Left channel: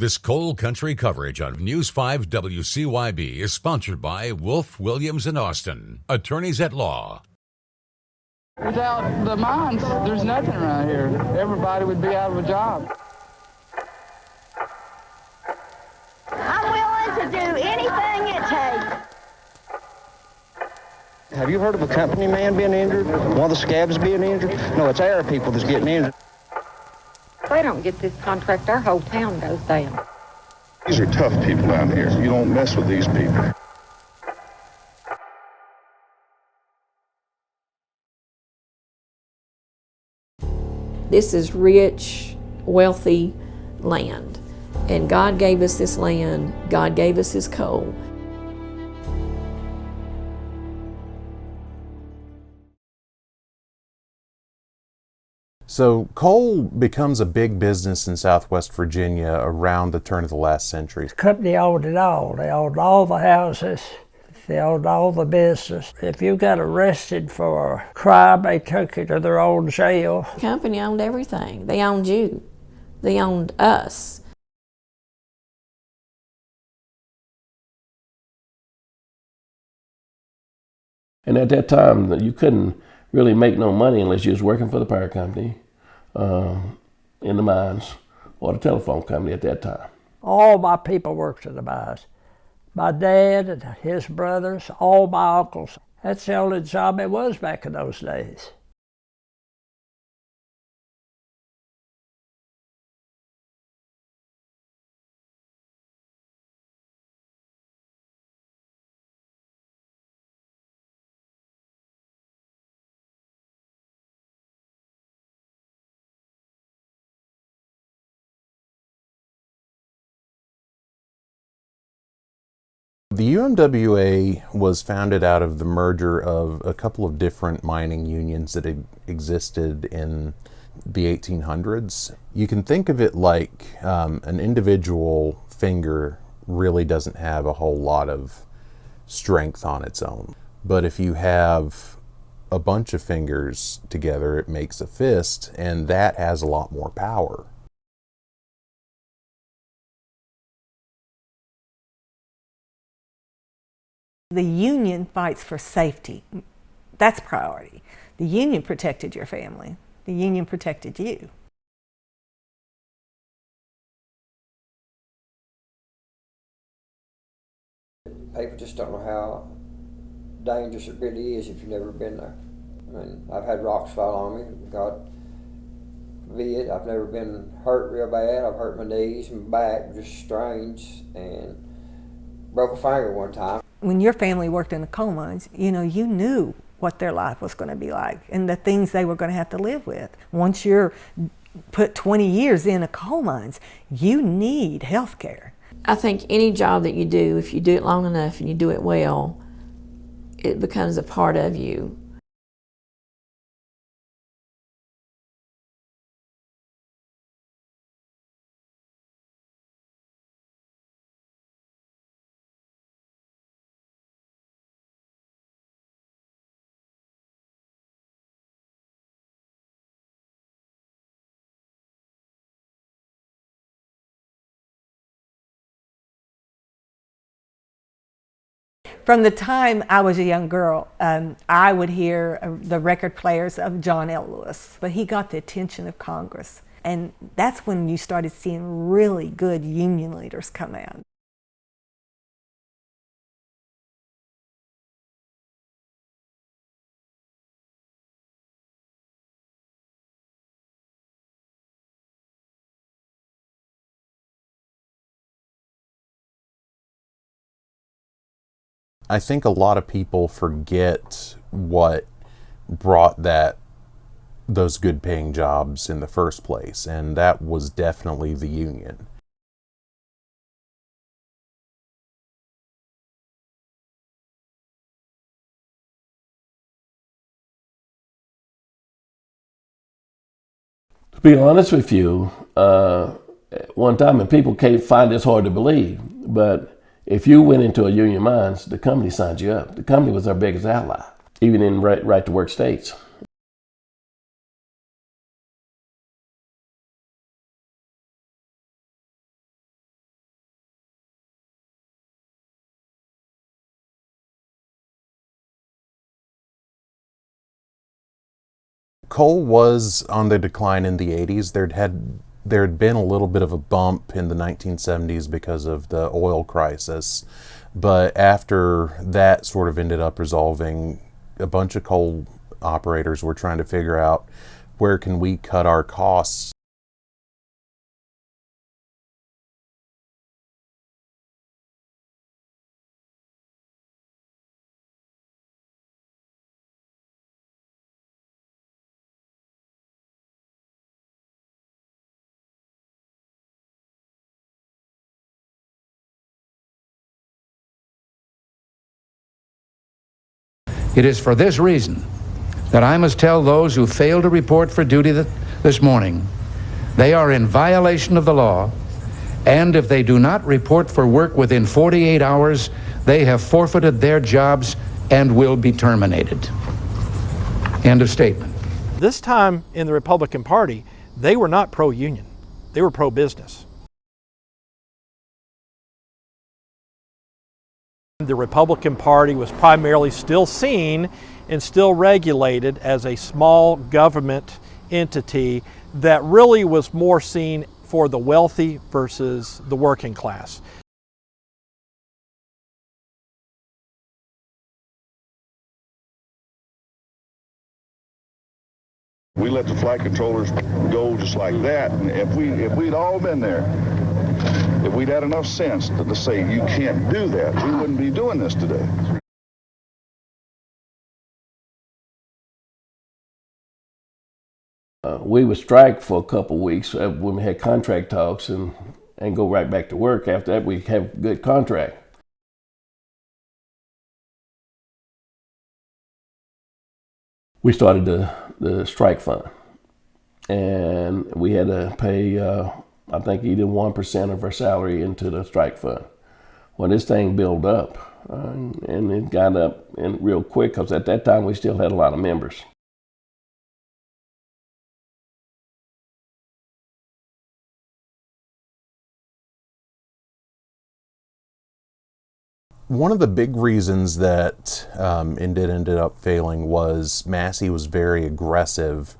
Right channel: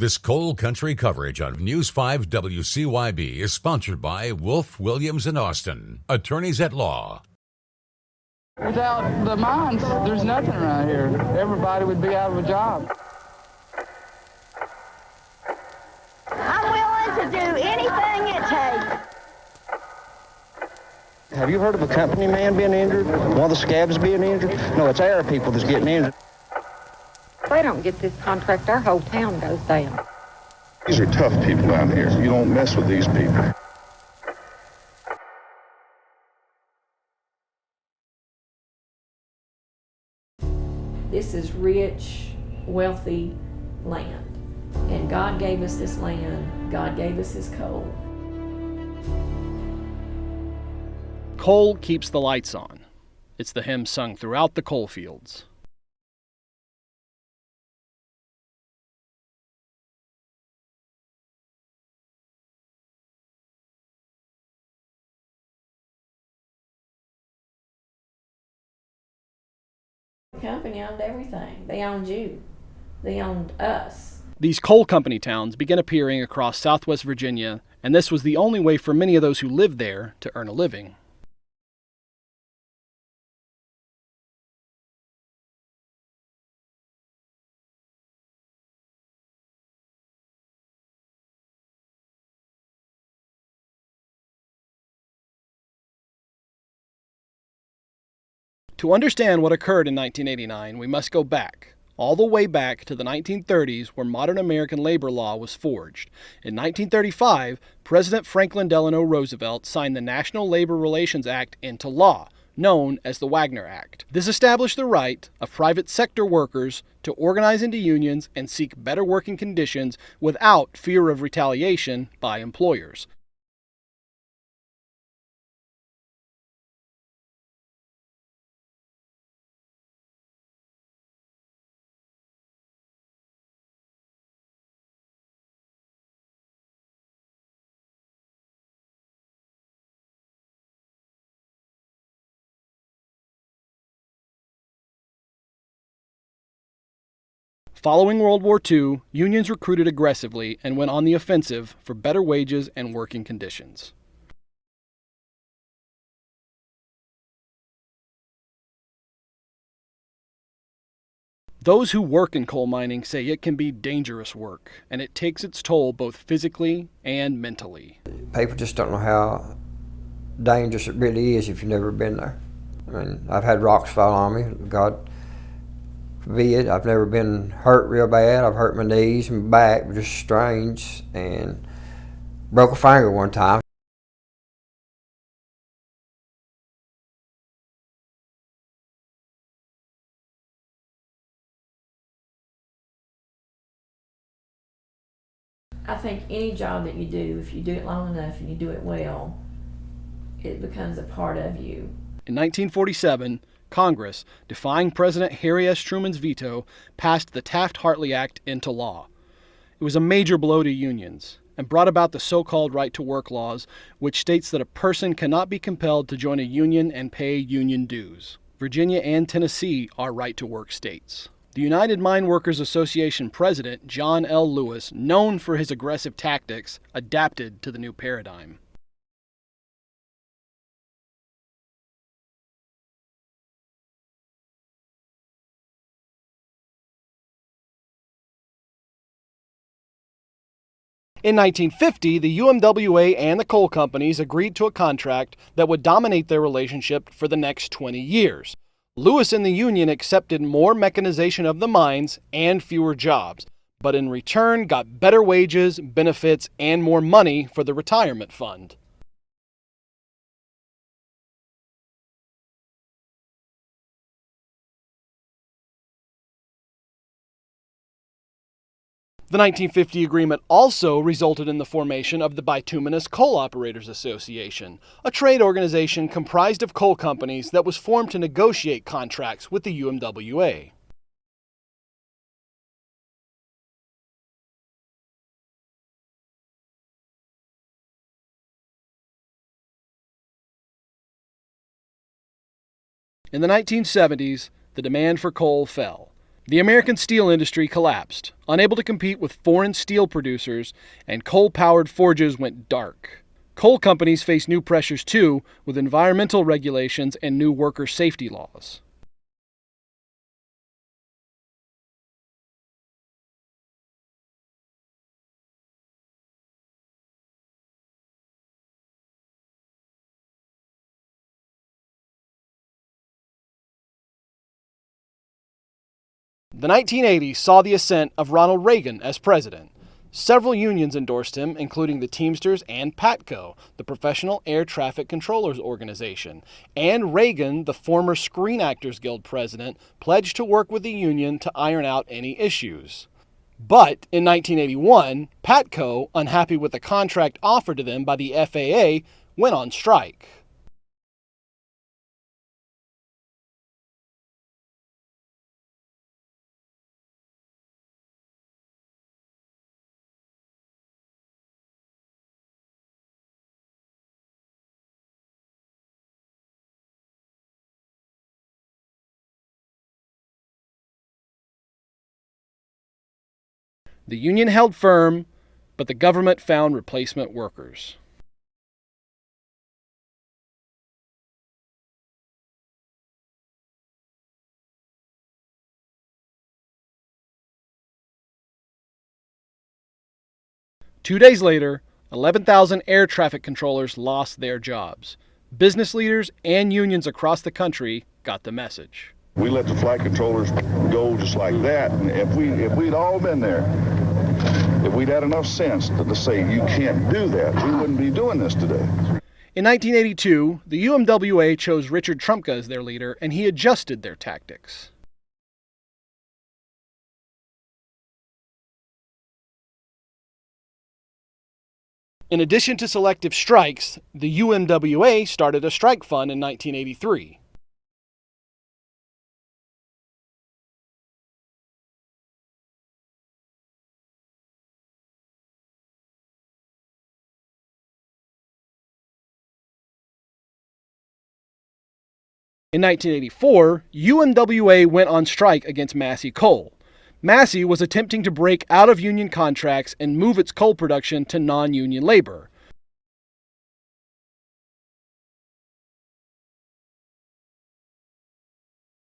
This coal country coverage on News 5 WCYB is sponsored by Wolf, Williams, and Austin, attorneys at law. Without the mines, there's nothing around here. Everybody would be out of a job. I'm willing to do anything it takes. Have you heard of a company man being injured? One of the scabs being injured? No, it's our people that's getting injured. If they don't get this contract, our whole town goes down. These are tough people down here. You don't mess with these people. This is rich, wealthy land. And God gave us this land. God gave us His coal. Coal keeps the lights on. It's the hymn sung throughout the coal fields. So coal becomes a big business in Southwest Virginia around the turn of the last century. The company owned it all. They owned all the houses. They owned all the business. If you got arrested for a crime, they took you to their own jail. The company owned everything. They owned you. They owned us. These coal company towns began appearing across Southwest Virginia, and this was the only way for many of those who lived there to earn a living. And at that time, you couldn't really make no money unless you was working for the power company, in the mines, or the telephone company at that time. All my people worked in the mines. My dad and his brothers, all my uncles. That's the only job it was back in those days. To understand what occurred in 1989, we must go back, all the way back to the 1930s, where modern American labor law was forged. In 1935, President Franklin Delano Roosevelt signed the National Labor Relations Act into law, known as the Wagner Act. This established the right of private sector workers to organize into unions and seek better working conditions without fear of retaliation by employers. The UMWA was founded out of the merger of a couple of different mining unions that existed in the 1800s. You can think of it like an individual finger really doesn't have a whole lot of strength on its own. But if you have a bunch of fingers together, it makes a fist, and that has a lot more power. Following World War II, unions recruited aggressively and went on the offensive for better wages and working conditions. The union fights for safety. That's priority. The union protected your family. The union protected you. Those who work in coal mining say it can be dangerous work, and it takes its toll both physically and mentally. People just don't know how dangerous it really is if you've never been there. I mean, I've had rocks fall on me, God forbid. I've never been hurt real bad. I've hurt my knees and back, just strange, and broke a finger one time. When your family worked in the coal mines, you knew what their life was going to be like and the things they were going to have to live with. Once you're put 20 years in a coal mines, you need health care. I think any job that you do, if you do it long enough and you do it well, it becomes a part of you. In 1947, Congress, defying President Harry S. Truman's veto, passed the Taft-Hartley Act into law. It was a major blow to unions and brought about the so-called right-to-work laws, which states that a person cannot be compelled to join a union and pay union dues. Virginia and Tennessee are right-to-work states. The United Mine Workers Association president, John L. Lewis, known for his aggressive tactics, adapted to the new paradigm. From the time I was a young girl, I would hear the record players of John L. Lewis, but he got the attention of Congress. And that's when you started seeing really good union leaders come out. In 1950, the UMWA and the coal companies agreed to a contract that would dominate their relationship for the next 20 years. Lewis and the union accepted more mechanization of the mines and fewer jobs, but in return got better wages, benefits, and more money for the retirement fund. I think a lot of people forget what brought those good paying jobs in the first place, and that was definitely the union. The 1950 agreement also resulted in the formation of the Bituminous Coal Operators Association, a trade organization comprised of coal companies that was formed to negotiate contracts with the UMWA. To be honest with you, one time, and people can't find this hard to believe, but if you went into a union mines, the company signed you up. The company was our biggest ally, even in right-to-work states. In the 1970s, the demand for coal fell. The American steel industry collapsed, unable to compete with foreign steel producers, and coal-powered forges went dark. Coal companies faced new pressures too, with environmental regulations and new worker safety laws. Coal was on the decline in the 80s. There had been a little bit of a bump in the 1970s because of the oil crisis, but after that sort of ended up resolving, a bunch of coal operators were trying to figure out, where can we cut our costs? The 1980s saw the ascent of Ronald Reagan as president. Several unions endorsed him, including the Teamsters and PATCO, the Professional Air Traffic Controllers Organization. And Reagan, the former Screen Actors Guild president, pledged to work with the union to iron out any issues. But in 1981, PATCO, unhappy with the contract offered to them by the FAA, went on strike. It is for this reason that I must tell those who fail to report for duty this morning they are in violation of the law, and if they do not report for work within 48 hours, they have forfeited their jobs and will be terminated. End of statement. This time in the Republican Party, they were not pro-union. They were pro-business. The union held firm, but the government found replacement workers. The Republican Party was primarily still seen and still regulated as a small government entity that really was more seen for the wealthy versus the working class. 2 days later, 11,000 air traffic controllers lost their jobs. Business leaders and unions across the country got the message. We let the flight controllers go just like that, and if we'd all been there, if we'd had enough sense to say you can't do that, we wouldn't be doing this today. In 1982, the UMWA chose Richard Trumka as their leader, and he adjusted their tactics. We would strike for a couple of weeks when we had contract talks and go right back to work. After that, we have a good contract. In addition to selective strikes, the UMWA started a strike fund in 1983. We started the strike fund, and we had to pay, I think, either 1% of our salary into the strike fund. Well, this thing built up. And it got up real quick because at that time we still had a lot of members. In 1984, UMWA went on strike against Massey Coal. Massey was attempting to break out of union contracts and move its coal production to non-union labor. One of the big reasons that it ended up failing was Massey was very aggressive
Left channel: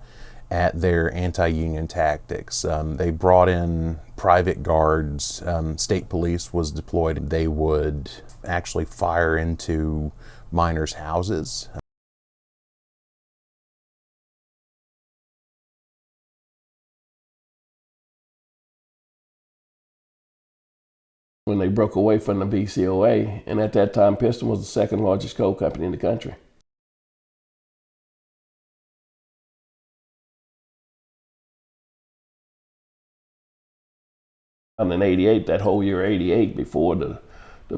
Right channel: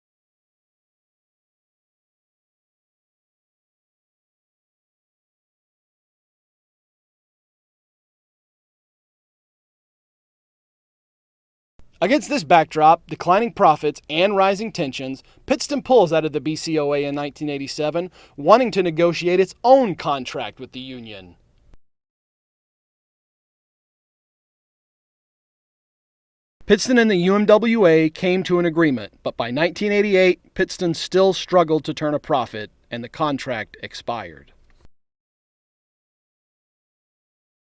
at their anti-union tactics. They brought in private guards. State police was deployed. They would actually fire into miners' houses. Against this backdrop, declining profits and rising tensions, Pittston pulls out of the BCOA in 1987, wanting to negotiate its own contract with the union. When they broke away from the BCOA, and at that time Pittston was the second largest coal company in the country. Pittston and the UMWA came to an agreement, but by 1988, Pittston still struggled to turn a profit, and the contract expired. And in 88, that whole year 88, before the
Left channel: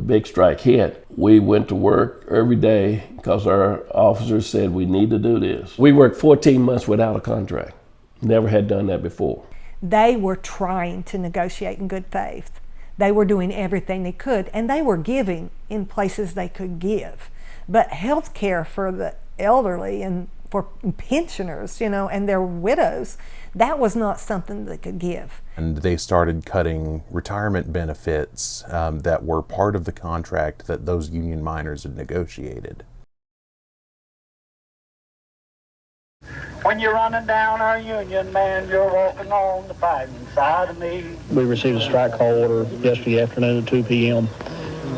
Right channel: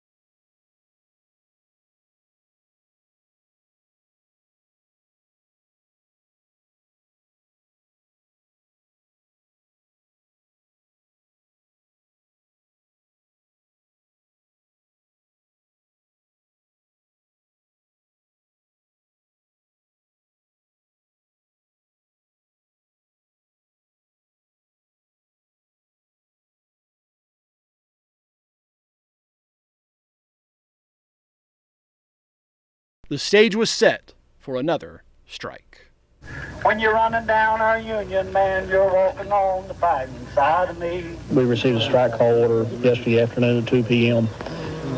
big strike hit, we went to work every day because our officers said we need to do this. We worked 14 months without a contract. Never had done that before. They were trying to negotiate in good faith. They were doing everything they could, and they were giving in places they could give. But health care for the elderly and for pensioners, and their widows, that was not something they could give. And they started cutting retirement benefits that were part of the contract that those union miners had negotiated. The stage was set for another strike. When you're running down our union, man, you're walking on the fighting side of me. We received a strike call order yesterday afternoon at 2 p.m.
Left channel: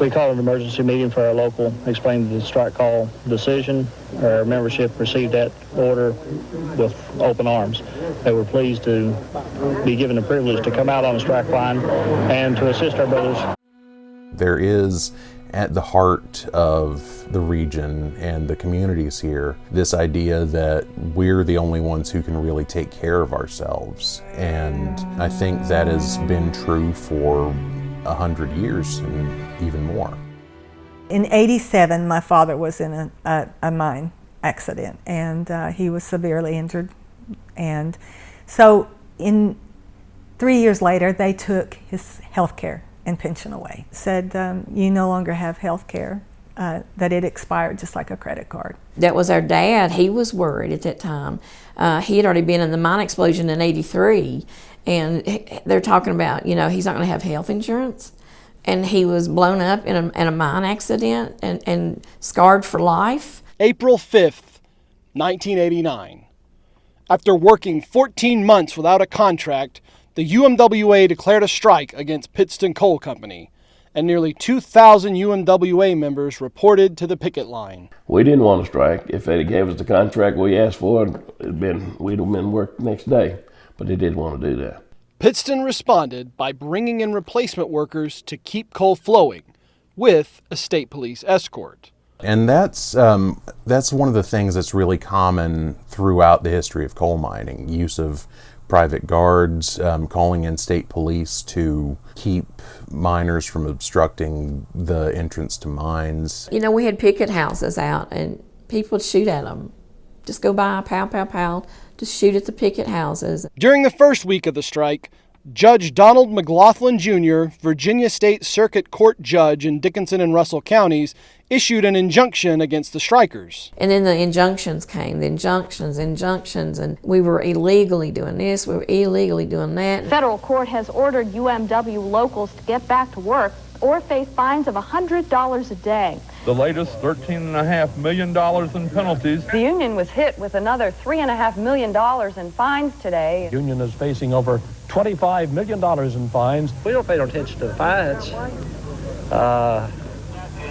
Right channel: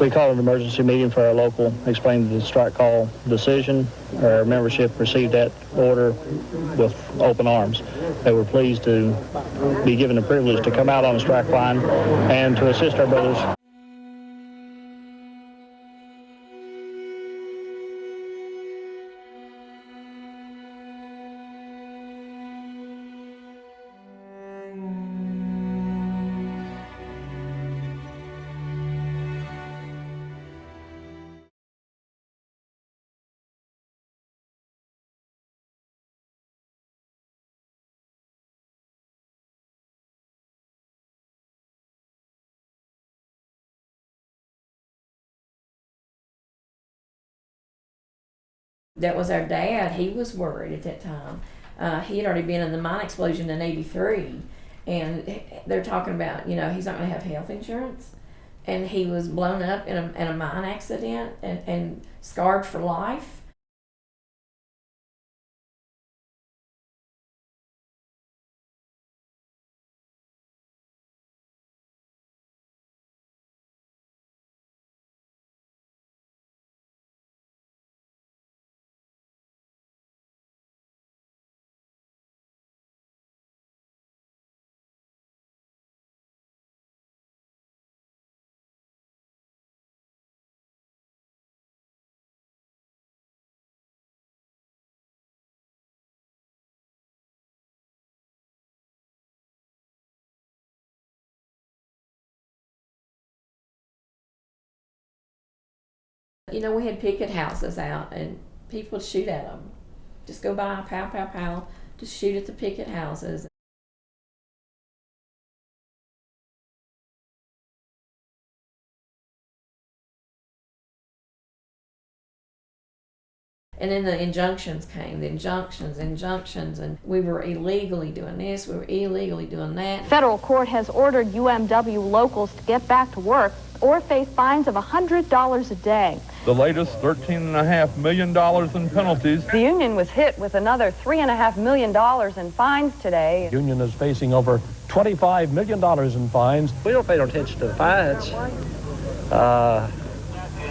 We called an emergency meeting for our local, explained the strike call decision. Our membership received that order with open arms. They were pleased to be given the privilege to come out on the strike line and to assist our brothers. There is, at the heart of the region and the communities here, this idea that we're the only ones who can really take care of ourselves. And I think that has been true for 100 years and even more. In '87, my father was in a mine accident, and he was severely injured. And so 3 years later, they took his health care and pension away. Said, you no longer have health care, that it expired just like a credit card. That was our dad. He was worried at that time. He had already been in the mine explosion in '83, and they're talking about, he's not going to have health insurance. And he was blown up in a mine accident and scarred for life. April 5th, 1989. After working 14 months without a contract, the UMWA declared a strike against Pittston Coal Company, and nearly 2,000 UMWA members reported to the picket line. We didn't want to strike. If they gave us the contract we asked for, we'd have been worked next day, but they didn't want to do that. Pittston responded by bringing in replacement workers to keep coal flowing, with a state police escort. And that's one of the things that's really common throughout the history of coal mining, use of private guards, calling in state police to keep miners from obstructing the entrance to mines. We had picket houses out, and people would shoot at them. Just go by, pow, pow, pow, just shoot at the picket houses. During the first week of the strike, Judge Donald McLaughlin Jr., Virginia State Circuit Court judge in Dickinson and Russell counties, issued an injunction against the strikers. And then the injunctions came, the injunctions, and we were illegally doing this, we were illegally doing that. Federal court has ordered UMW locals to get back to work or face fines of $100 a day. The latest $13.5 million in penalties. The union was hit with another $3.5 million in fines today. The union is facing over $25 million in fines. We don't pay no attention to the fines.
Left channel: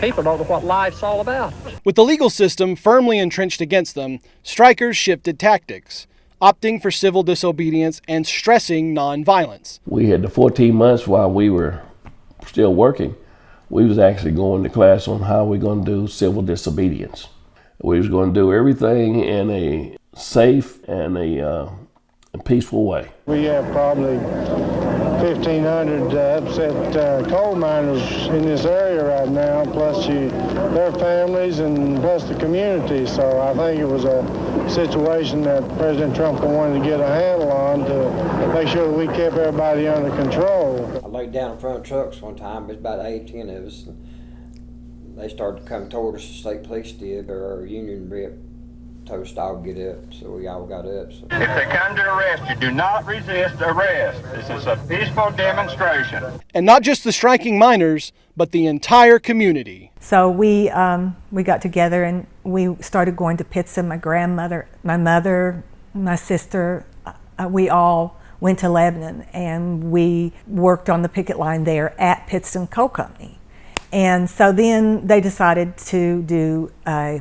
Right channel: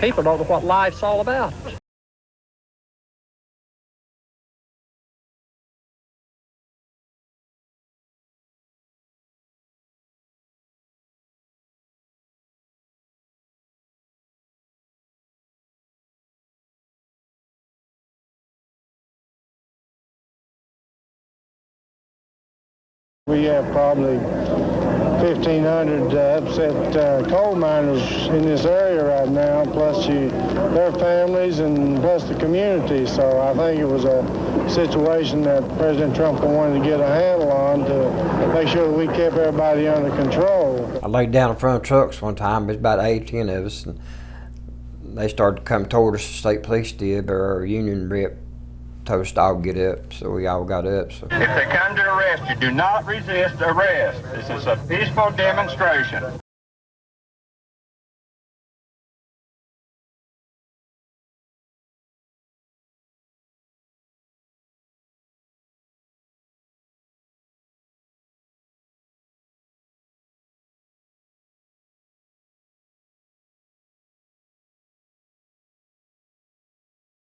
People don't know what life's all about. With the legal system firmly entrenched against them, strikers shifted tactics, opting for civil disobedience and stressing nonviolence. We had the 14 months while we were still working. We was actually going to class on how we're going to do civil disobedience. We was going to do everything in a safe and a peaceful way. We have probably 1,500 upset coal miners in this area right now, plus their families and plus the community. So I think it was a situation that President Trump wanted to get a handle on to make sure that we kept everybody under control. I laid down in front of trucks one time. There's about 8 or 10 of us, and they started to come toward us. The state police did, but our union rep told us to all get up, so we all got up. So. If they come to arrest you, do not resist arrest. This is a peaceful demonstration. And not just the striking miners, but the entire community. So we got together and we started going to Pittston. My grandmother, my mother, my sister, we all went to Lebanon, and we worked on the picket line there at Pittston Coal Company. And so then they decided to do a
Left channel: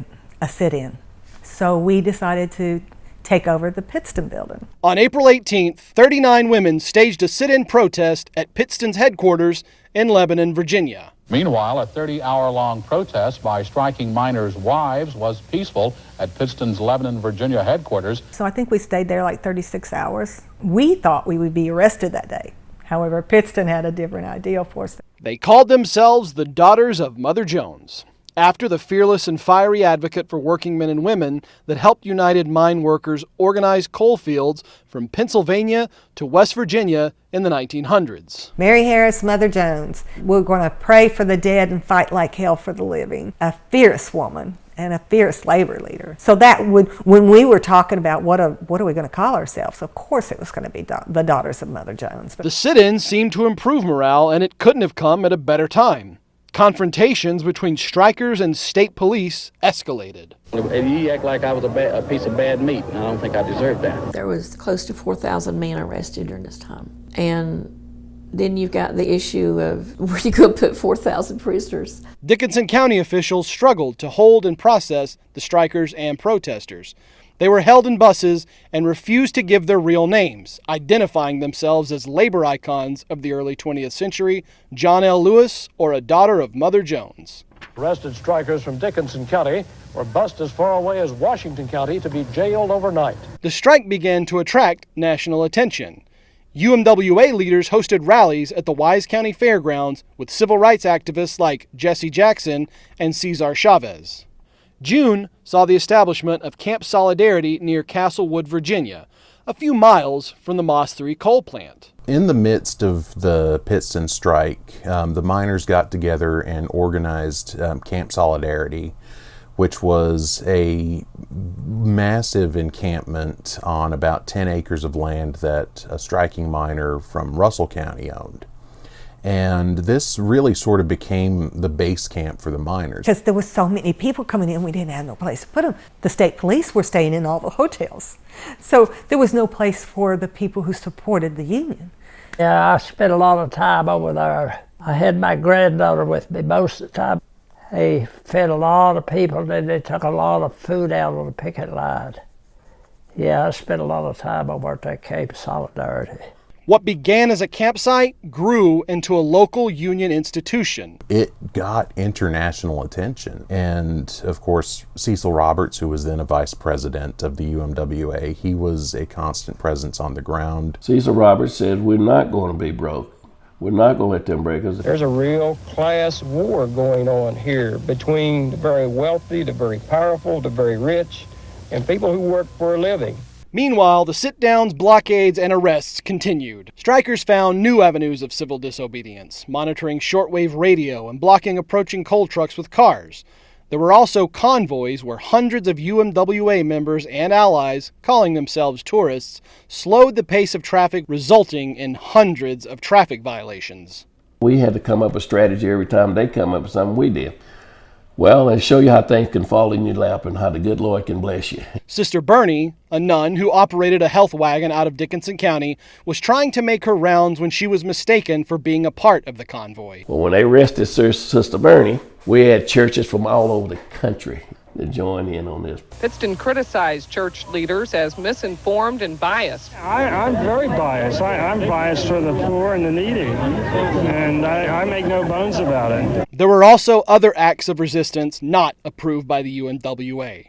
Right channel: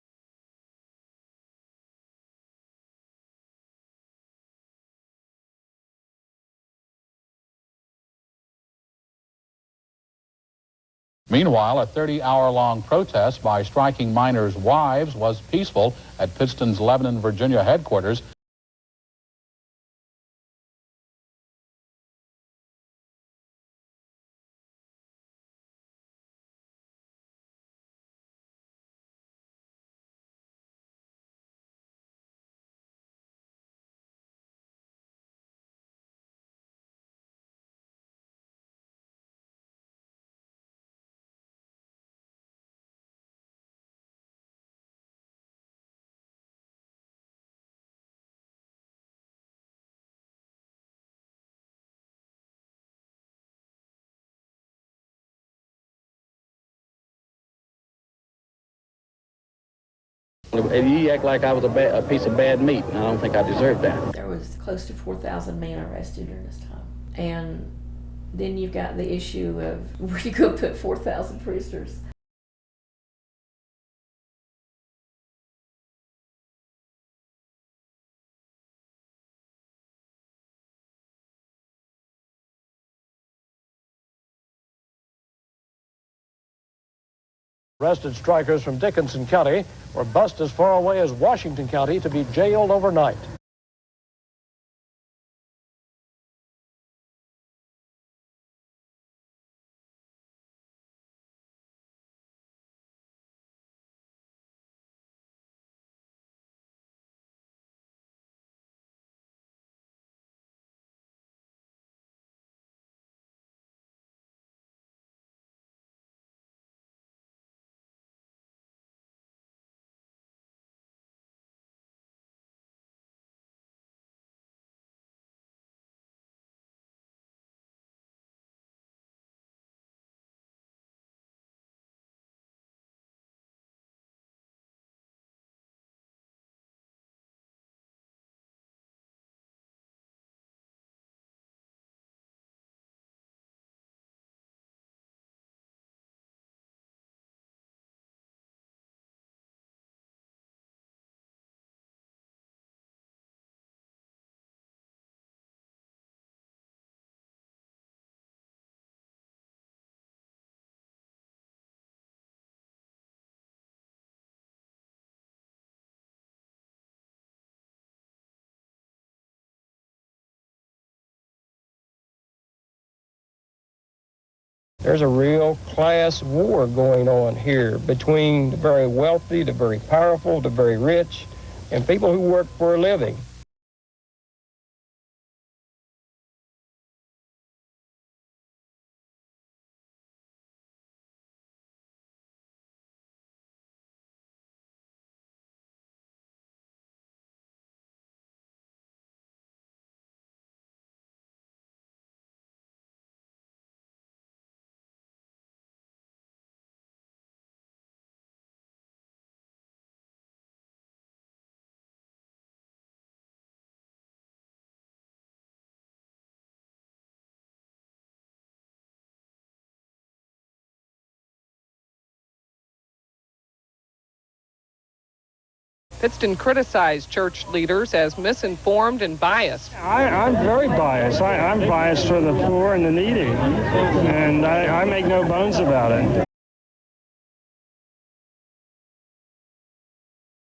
sit-in. So we decided to take over the Pittston building. On April 18th, 39 women staged a sit-in protest at Pittston's headquarters in Lebanon, Virginia. Meanwhile, a 30-hour-long protest by striking miners' wives was peaceful at Pittston's Lebanon, Virginia headquarters. So I think we stayed there like 36 hours. We thought we would be arrested that day. However, Pittston had a different idea for us. They called themselves the Daughters of Mother Jones, after the fearless and fiery advocate for working men and women that helped United Mine Workers organize coal fields from Pennsylvania to West Virginia in the 1900s. Mary Harris, Mother Jones. We're going to pray for the dead and fight like hell for the living. A fierce woman and a fierce labor leader. So that would, when we were talking about what are we going to call ourselves, of course it was going to be the Daughters of Mother Jones. The sit-in seemed to improve morale, and it couldn't have come at a better time. Confrontations between strikers and state police escalated. You act like I was a piece of bad meat, and I don't think I deserve that. There was close to 4,000 men arrested during this time. And then you've got the issue of where you go put 4,000 prisoners. Dickinson County officials struggled to hold and process the strikers and protesters. They were held in buses and refused to give their real names, identifying themselves as labor icons of the early 20th century, John L. Lewis or a daughter of Mother Jones. Arrested strikers from Dickinson County were bused as far away as Washington County to be jailed overnight. The strike began to attract national attention. UMWA leaders hosted rallies at the Wise County Fairgrounds with civil rights activists like Jesse Jackson and Cesar Chavez. June saw the establishment of Camp Solidarity near Castlewood, Virginia, a few miles from the Moss 3 coal plant. In the midst of the Pittston strike, the miners got together and organized Camp Solidarity, which was a massive encampment on about 10 acres of land that a striking miner from Russell County owned. And this really sort of became the base camp for the miners. Because there were so many people coming in, we didn't have no place to put them. The state police were staying in all the hotels. So there was no place for the people who supported the union. Yeah, I spent a lot of time over there. I had my granddaughter with me most of the time. They fed a lot of people, and they took a lot of food out on the picket line. Yeah, I spent a lot of time over at that Camp Solidarity. What began as a campsite grew into a local union institution. It got international attention. And of course, Cecil Roberts, who was then a vice president of the UMWA, he was a constant presence on the ground. Cecil Roberts said, we're not going to be broke. We're not going to let them break us. There's a real class war going on here between the very wealthy, the very powerful, the very rich, and people who work for a living. Meanwhile, the sit-downs, blockades, and arrests continued. Strikers found new avenues of civil disobedience, monitoring shortwave radio and blocking approaching coal trucks with cars. There were also convoys where hundreds of UMWA members and allies, calling themselves tourists, slowed the pace of traffic, resulting in hundreds of traffic violations. We had to come up with a strategy every time they come up with something we did. Well, and show you how things can fall in your lap and how the good Lord can bless you. Sister Bernie, a nun who operated a health wagon out of Dickinson County, was trying to make her rounds when she was mistaken for being a part of the convoy. Well, when they arrested Sister Bernie, we had churches from all over the country that joined in on this. Pittston criticized church leaders as misinformed and biased. I'm very biased. I'm biased for the poor and the needy, and I make no bones about it. There were also other acts of resistance not approved by the UMWA.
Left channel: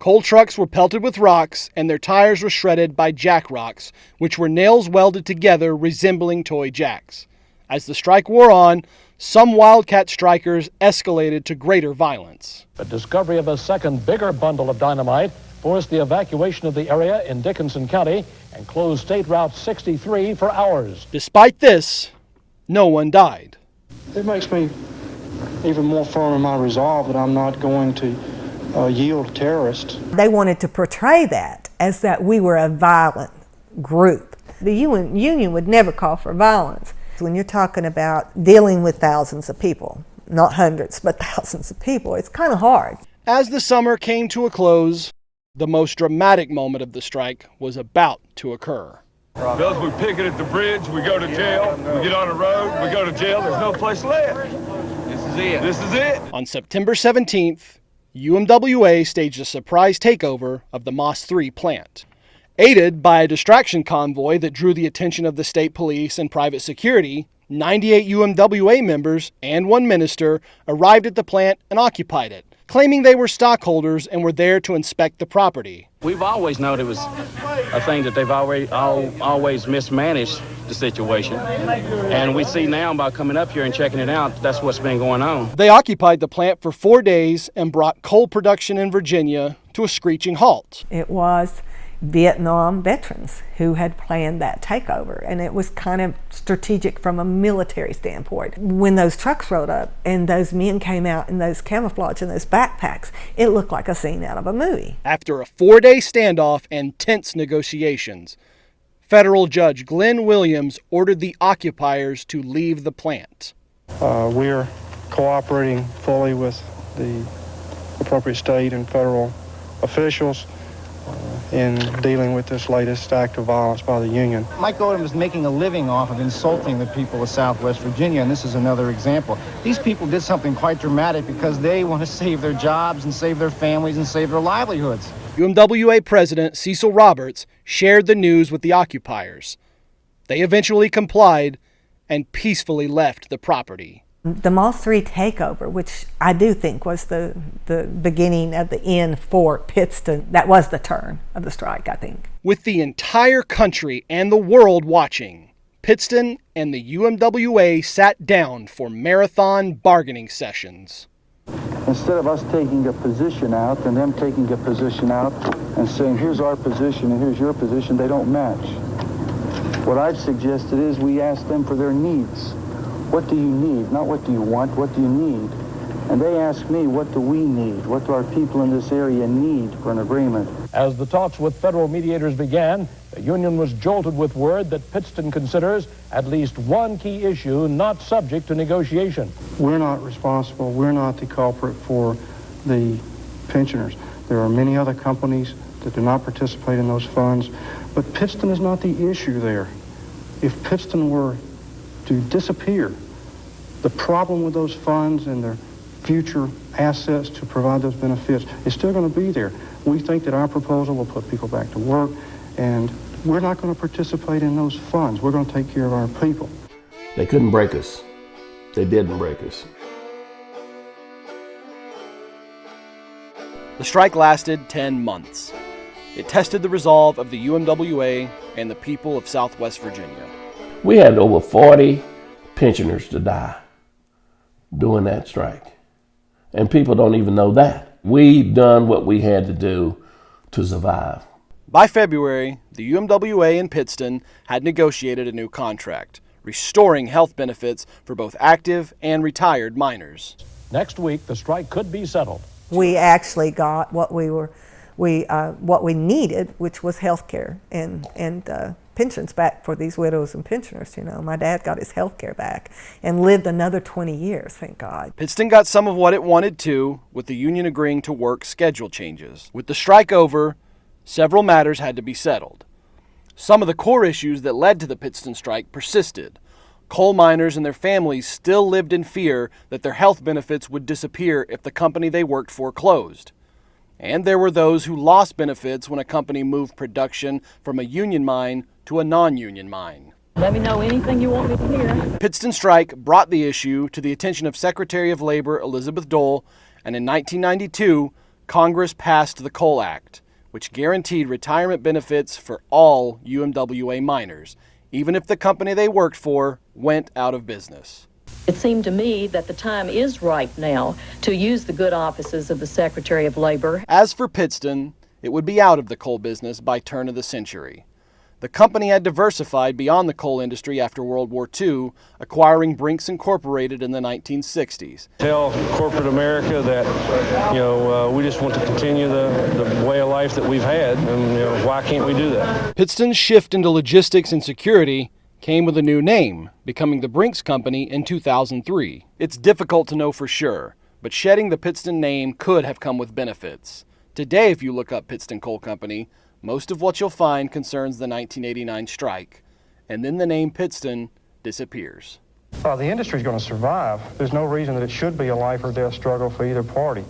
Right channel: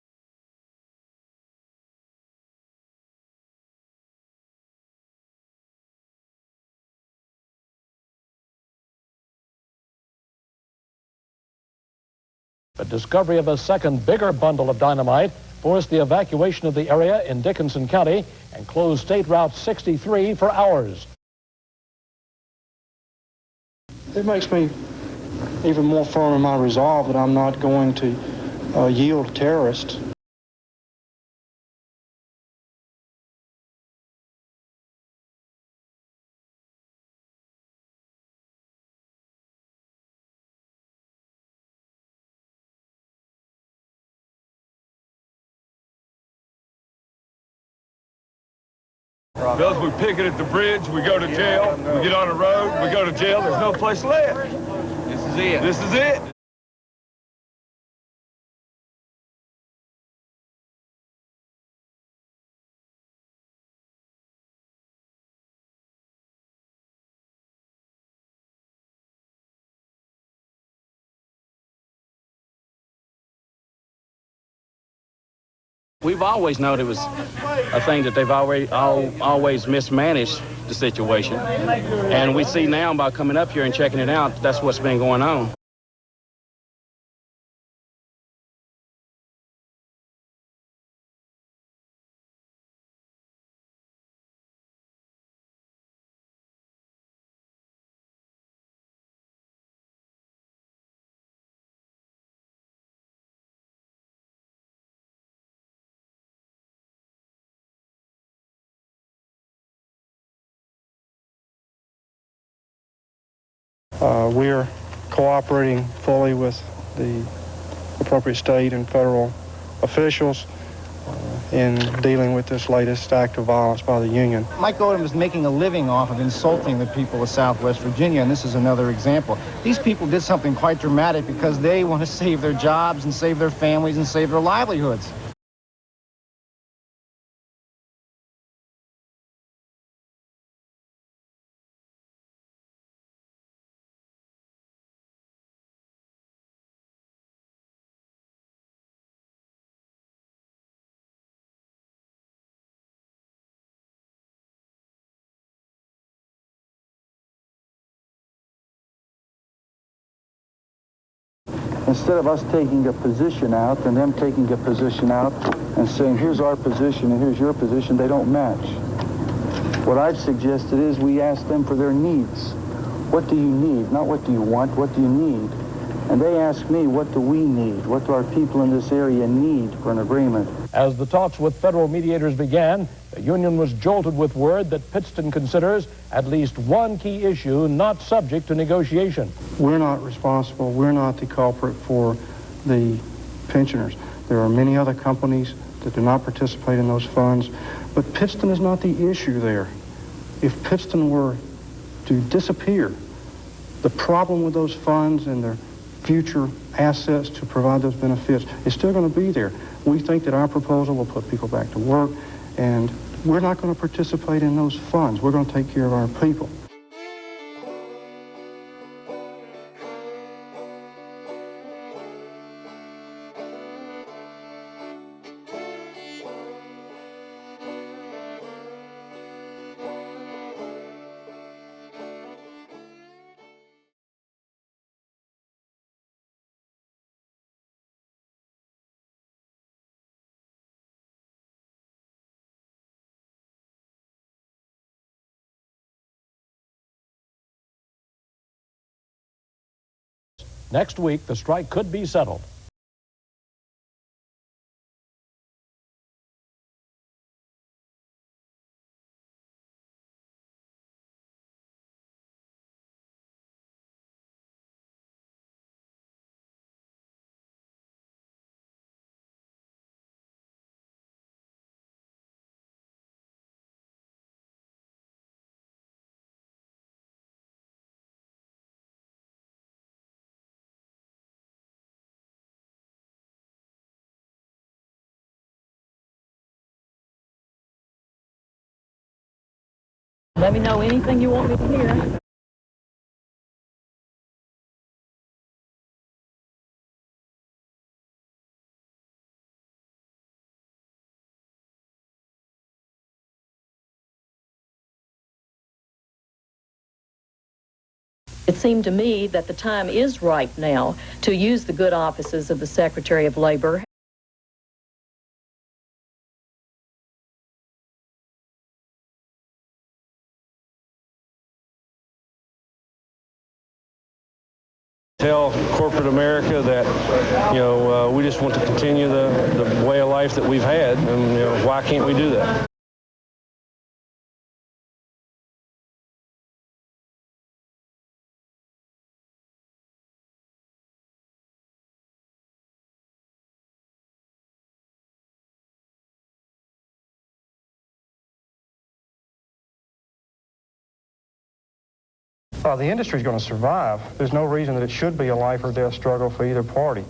Coal trucks were pelted with rocks, and their tires were shredded by jack rocks, which were nails welded together resembling toy jacks. As the strike wore on, some wildcat strikers escalated to greater violence. The discovery of a second, bigger bundle of dynamite forced the evacuation of the area in Dickinson County and closed State Route 63 for hours. Despite this, no one died. It makes me even more firm in my resolve that I'm not going to yield to terrorists. They wanted to portray that as that we were a violent group. The union would never call for violence. When you're talking about dealing with thousands of people, not hundreds, but thousands of people, it's kind of hard. As the summer came to a close, the most dramatic moment of the strike was about to occur. Bills, we picket at the bridge, we go to jail, we get on the road, we go to jail, there's no place left. This is it. This is it. On September 17th, UMWA staged a surprise takeover of the Moss 3 plant. Aided by a distraction convoy that drew the attention of the state police and private security, 98 UMWA members and one minister arrived at the plant and occupied it, claiming they were stockholders and were there to inspect the property. We've always known it was a thing that they've always mismanaged the situation. And we see now by coming up here and checking it out, that's what's been going on. They occupied the plant for 4 days and brought coal production in Virginia to a screeching halt. It was Vietnam veterans who had planned that takeover, and it was kind of strategic from a military standpoint. When those trucks rode up and those men came out in those camouflage and those backpacks, it looked like a scene out of a movie. After a 4-day standoff and tense negotiations, federal judge Glenn Williams ordered the occupiers to leave the plant. We're cooperating fully with the appropriate state and federal officials in dealing with this latest act of violence by the union. Mike Odom is making a living off of insulting the people of Southwest Virginia, and this is another example. These people did something quite dramatic because they want to save their jobs and save their families and save their livelihoods. UMWA President Cecil Roberts shared the news with the occupiers. They eventually complied and peacefully left the property. The Moss 3 takeover, which I do think was the beginning of the end for Pittston, that was the turn of the strike, I think. With the entire country and the world watching, Pittston and the UMWA sat down for marathon bargaining sessions. Instead of us taking a position out and them taking a position out and saying, here's our position and here's your position, they don't match. What I've suggested is we ask them for their needs. What do you need? Not what do you want, what do you need? And they ask me, what do we need? What do our people in this area need for an agreement? As the talks with federal mediators began, the union was jolted with word that Pittston considers at least one key issue not subject to negotiation. We're not responsible. We're not the culprit for the pensioners. There are many other companies that do not participate in those funds, but Pittston is not the issue there. If Pittston were to disappear, the problem with those funds and their future assets to provide those benefits is still going to be there. We think that our proposal will put people back to work, and we're not going to participate in those funds. We're going to take care of our people. They couldn't break us. They didn't break us. The strike lasted 10 months. It tested the resolve of the UMWA and the people of Southwest Virginia. We had over 40 pensioners to die during that strike. And people don't even know that. We done what we had to do to survive. By February, the UMWA and Pittston had negotiated a new contract, restoring health benefits for both active and retired miners. Next week, the strike could be settled. We actually got what we needed, which was health care and pensions back for these widows and pensioners. You know, my dad got his health care back and lived another 20 years, thank God. Pittston got some of what it wanted too, with the union agreeing to work schedule changes. With the strike over, several matters had to be settled. Some of the core issues that led to the Pittston strike persisted. Coal miners and their families still lived in fear that their health benefits would disappear if the company they worked for closed. And there were those who lost benefits when a company moved production from a union mine to a non-union mine. Let me know anything you want me to hear. Pittston strike brought the issue to the attention of Secretary of Labor Elizabeth Dole, and in 1992, Congress passed the Coal Act, which guaranteed retirement benefits for all UMWA miners, even if the company they worked for went out of business. It seemed to me that the time is ripe now to use the good offices of the Secretary of Labor. As for Pittston, it would be out of the coal business by turn of the century. The company had diversified beyond the coal industry after World War II, acquiring Brinks Incorporated in the 1960s. Tell corporate America that, we just want to continue the way of life that we've had, and, why can't we do that? Pittston's shift into logistics and security came with a new name, becoming the Brinks Company in 2003. It's difficult to know for sure, but shedding the Pittston name could have come with benefits. Today, if you look up Pittston Coal Company, most of what you'll find concerns the 1989 strike, and then the name Pittston disappears. The industry's going to survive. There's no reason that it should be a life or death struggle for either party.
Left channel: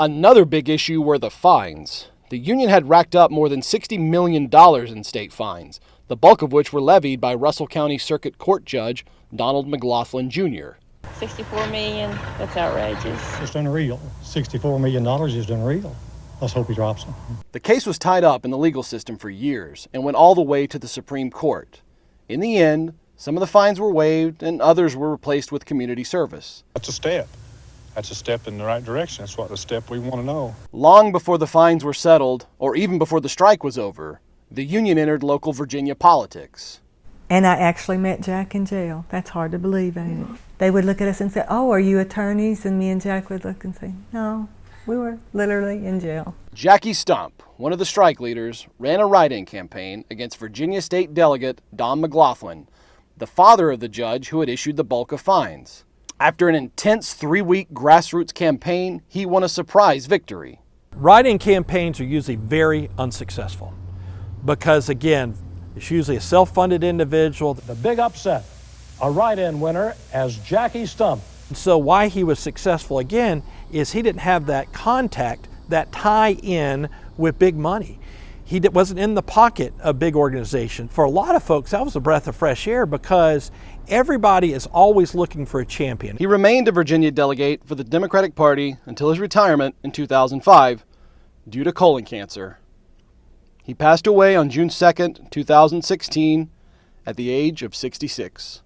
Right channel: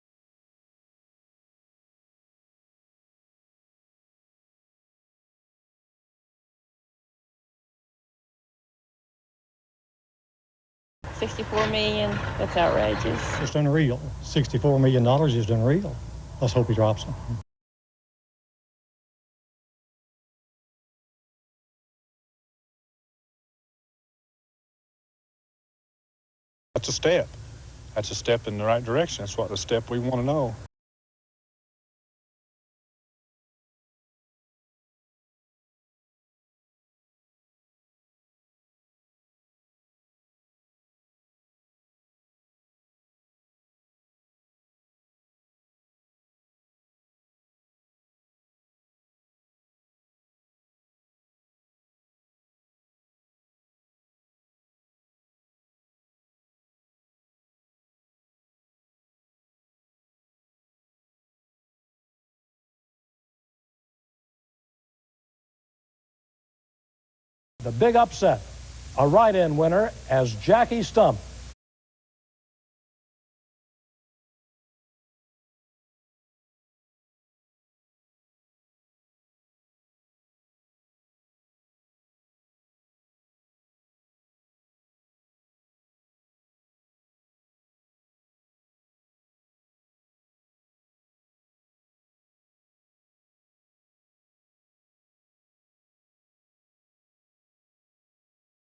Another big issue were the fines. The union had racked up more than $60 million in state fines, the bulk of which were levied by Russell County Circuit Court Judge Donald McLaughlin, Jr. $64 million, that's outrageous. It's unreal. $64 million is unreal. Let's hope he drops them. The case was tied up in the legal system for years and went all the way to the Supreme Court. In the end, some of the fines were waived and others were replaced with community service. That's a step. That's a step in the right direction. That's what the step we want to know. Long before the fines were settled, or even before the strike was over, the union entered local Virginia politics. And I actually met Jack in jail. That's hard to believe, ain't it? They would look at us and say, "Oh, are you attorneys?" And me and Jack would look and say, "No, we were literally in jail." Jackie Stump, one of the strike leaders, ran a write-in campaign against Virginia State Delegate Don McLaughlin, the father of the judge who had issued the bulk of fines. After an intense 3-week grassroots campaign, he won a surprise victory. Write-in campaigns are usually very unsuccessful because, again, it's usually a self-funded individual. The big upset, a write-in winner as Jackie Stump. So why he was successful again is he didn't have that contact, that tie-in with big money. He wasn't in the pocket of big organization. For a lot of folks, that was a breath of fresh air because everybody is always looking for a champion. He remained a Virginia delegate for the Democratic Party until his retirement in 2005 due to colon cancer. He passed away on June 2nd, 2016 at the age of 66.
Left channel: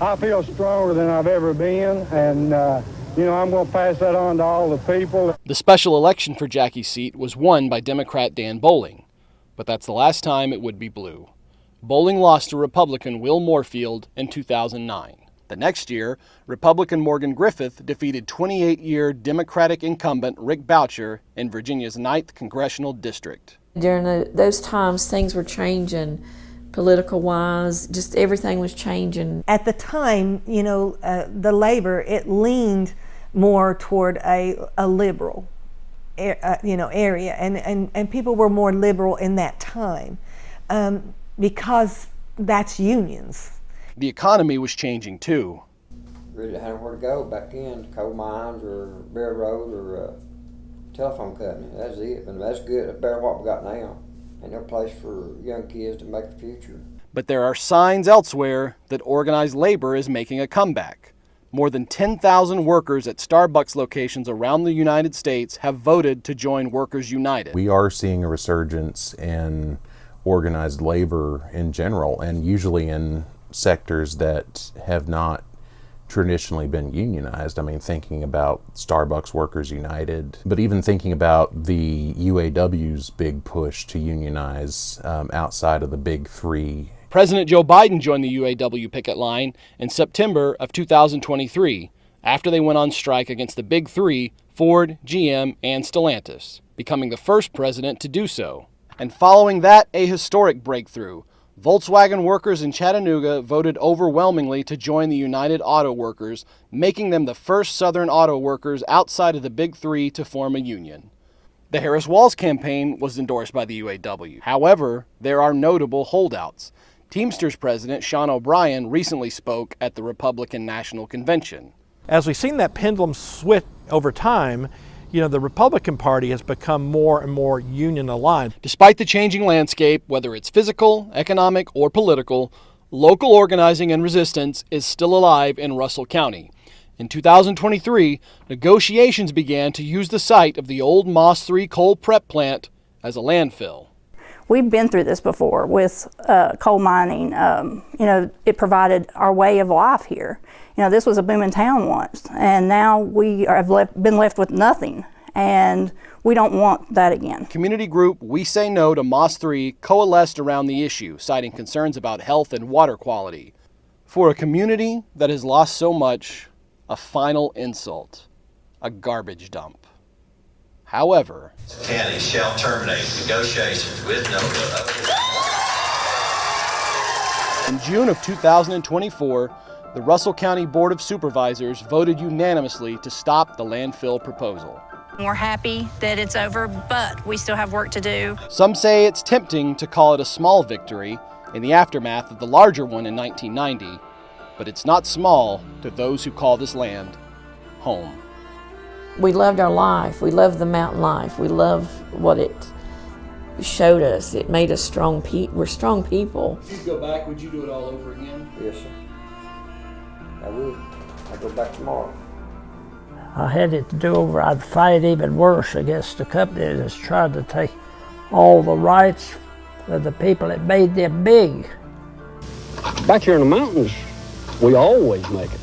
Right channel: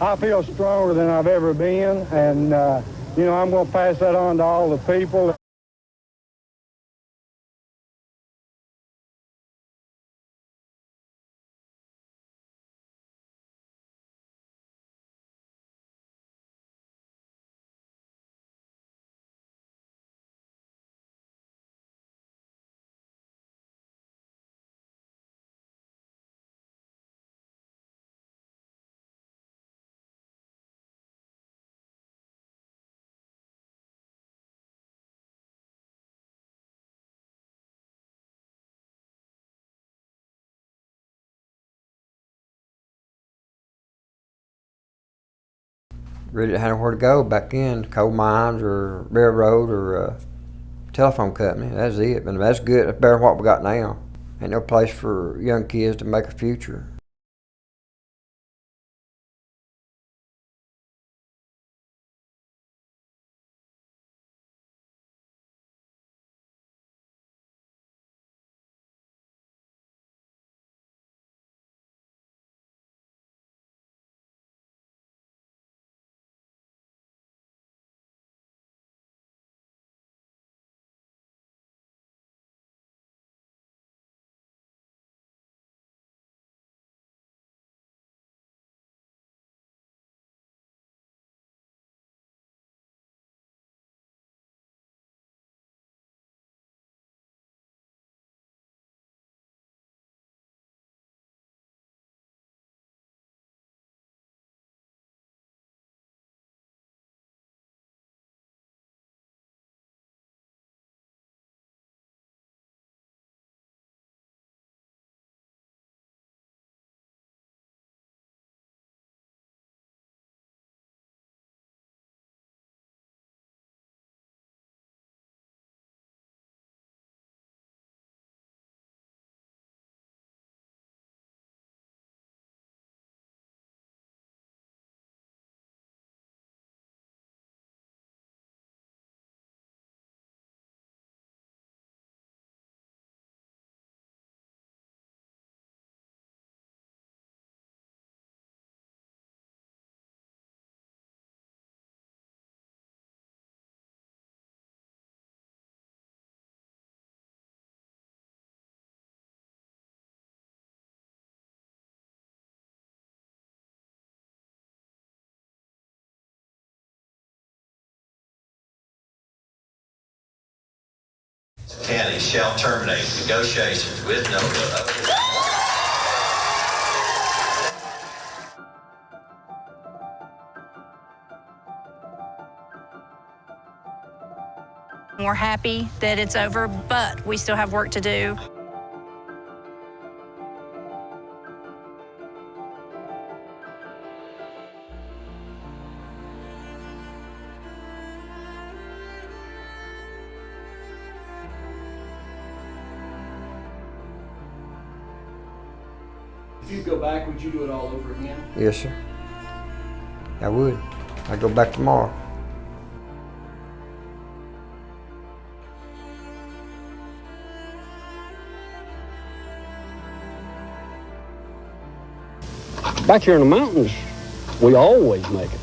I feel stronger than I've ever been, and, I'm going to pass that on to all the people. The special election for Jackie's seat was won by Democrat Dan Bowling, but that's the last time it would be blue. Bolling lost to Republican Will Moorfield in 2009. The next year, Republican Morgan Griffith defeated 28-year Democratic incumbent Rick Boucher in Virginia's 9th Congressional District. During those times, things were changing political-wise, just everything was changing. At the time, the labor, it leaned more toward a liberal area, and people were more liberal in that time because that's unions. The economy was changing too. Really didn't have nowhere to go back then, coal mines or railroad or telephone company. That's it. But that's good. That's better than what we got now. Ain't no place for young kids to make a future. But there are signs elsewhere that organized labor is making a comeback. More than 10,000 workers at Starbucks locations around the United States have voted to join Workers United. We are seeing a resurgence in organized labor in general, and usually in sectors that have not traditionally been unionized. I mean, thinking about Starbucks Workers United, but even thinking about the UAW's big push to unionize outside of the big three. President Joe Biden joined the UAW picket line in September of 2023 after they went on strike against the big three, Ford, GM, and Stellantis, becoming the first president to do so. And following that, a historic breakthrough. Volkswagen workers in Chattanooga voted overwhelmingly to join the United Auto Workers, making them the first Southern auto workers outside of the big three to form a union. The Harris-Walz campaign was endorsed by the UAW. However, there are notable holdouts. Teamsters President Sean O'Brien recently spoke at the Republican National Convention. As we've seen that pendulum switch over time, the Republican Party has become more and more union aligned. Despite the changing landscape, whether it's physical, economic, or political, local organizing and resistance is still alive in Russell County. In 2023, negotiations began to use the site of the old Moss 3 coal prep plant as a landfill. We've been through this before with coal mining. It provided our way of life here. This was a booming town once, and now we have been left with nothing, and we don't want that again. Community group We Say No to Moss 3 coalesced around the issue, citing concerns about health and water quality. For a community that has lost so much, a final insult, a garbage dump. However, county shall terminate negotiations with NOVA. In June of 2024, the Russell County Board of Supervisors voted unanimously to stop the landfill proposal. We're happy that it's over, but we still have work to do. Some say it's tempting to call it a small victory in the aftermath of the larger one in 1990, but it's not small to those who call this land home. We loved our life. We loved the mountain life. We loved what it showed us. It made us strong people. We're strong people. If you go back, would you do it all over again? Yes, sir. I would. I'd go back tomorrow. I had it to do over. I'd fight even worse against the company that's tried to take all the rights of the people that made them big. Back here in the mountains, we always make it.